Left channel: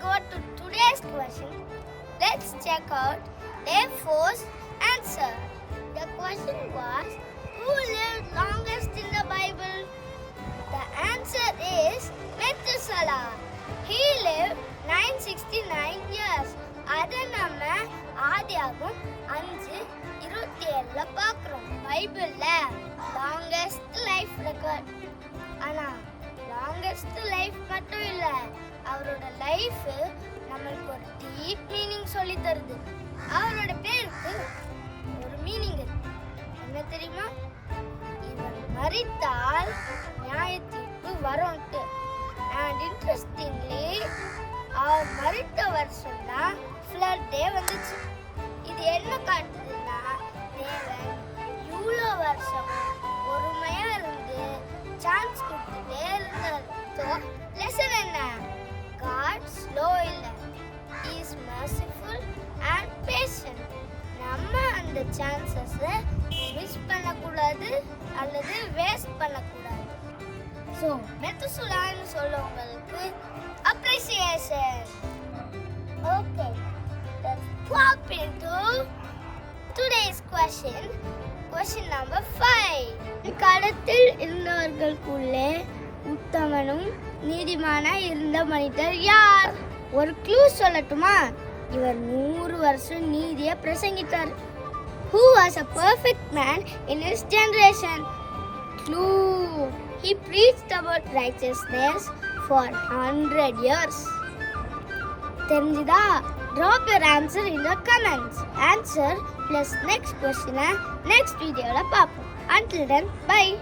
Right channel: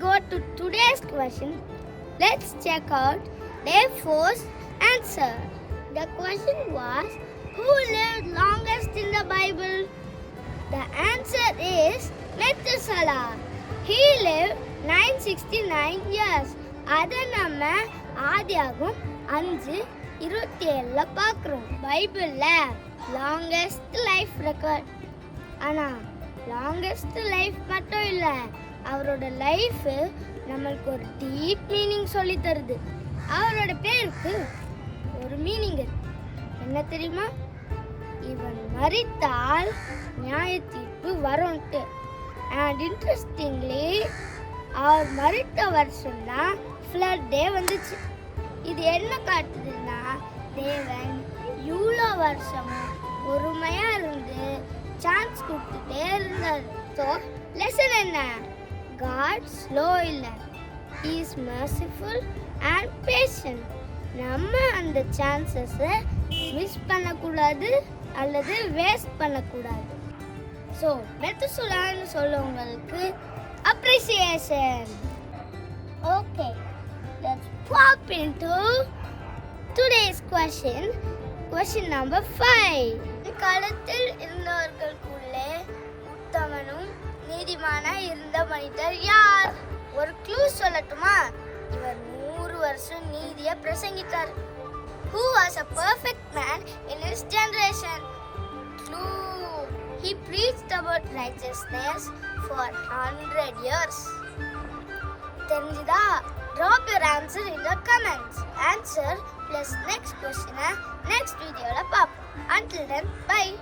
go to today's question, let's check out A4's answer. The question was, who lived longest in the Bible? The answer is Methuselah. He lived 969 years. அதை நம்ம ஆதியாகமம் 5:27 பார்க்குறோம். பைபிளில் longest life record. ஆனால் longest life மட்டும் இல்லை, அவரோட life நம்மளுக்கு ஒரு டீப் மீனிங் சொல்லி தருது. அவரோட பேருக்கு ஒரு மீனிங் இருக்கு. என்ன தெரியுமா? இவன் மரித்தால் நியாய தீர்ப்பு வரும்ட்டு. அண்ட் இன்ட்ரெஸ்டிங்லி அவர் மரித்த வருஷம் தான் ஃப்ளட் டே வந்துச்சு. இது என்ன காட்டுதுன்னா, தேவன் இவ்வளோ வருஷமும் பொறுமையா இருந்து சான்ஸ் கொடுத்துட்டே இருந்தார். ஸோ லெசன் என்ன? காட் ஸ்லோ இல்லை, he is merciful and patient. நம்ம அந்த சான்சஸை மிஸ் பண்ணக்கூடாது அல்லது வேஸ்ட் பண்ணக்கூடாது. ஸோ மெத்துசுலான்னு சொல்லவங்களுக்கு appreciation. Okay, let's pop into today's question. Question number 5. காலத்தில் இருந்தவர்களுக்குள்ளே உத்தமனும் நீதிமானாய் இருந்த மனிதர் யார்? ஒரு க்ளூ சொல்லட்டுமா? இவர் 100 வருஷம் நீதியை பிரசங்கித்தார். Who was a perfect man in his generation? Clue. He preached about righteousness for 100 years. தெரிஞ்சுதா? Drop your answer in the comments. Answer plus next question next video la paapom. Until then, bye.